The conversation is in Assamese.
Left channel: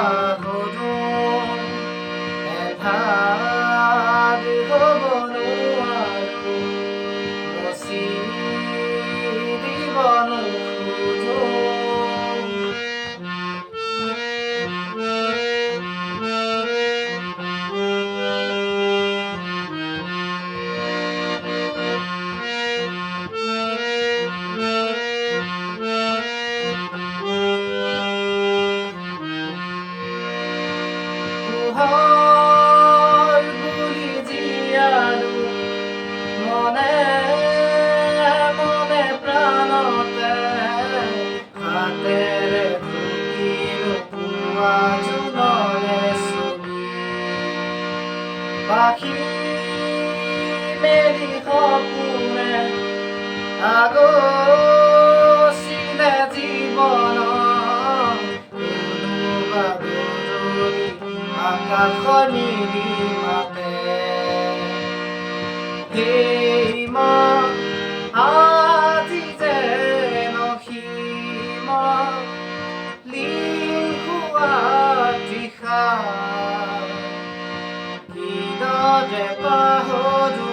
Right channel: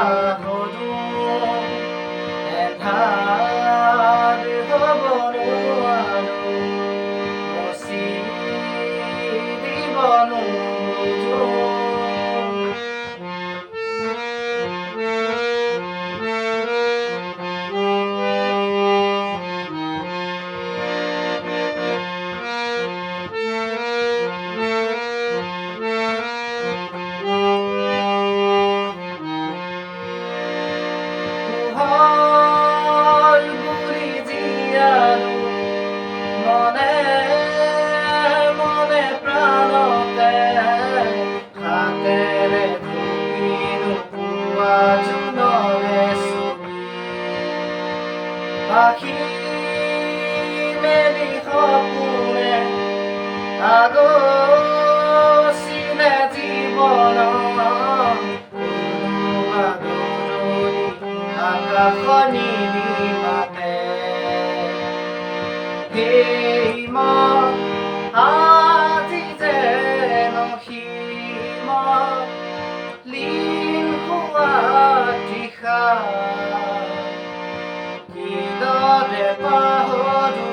পাহৰো এধাৰ হ'ব নোৱাৰো মচি দিব নোখোজো গুলি জিয়ালো মনে মনে প্ৰাণতে হাতেৰে ঢুকিলো পুৱা জোনৰে ছবি পাখি মেলি সপোনে আগচিলে জীৱনত কোনোবা গধূলি আকাশনি মাতে হেই মন আজি যেন সীম লীন হোৱা তৃষা কিদৰে পাহৰো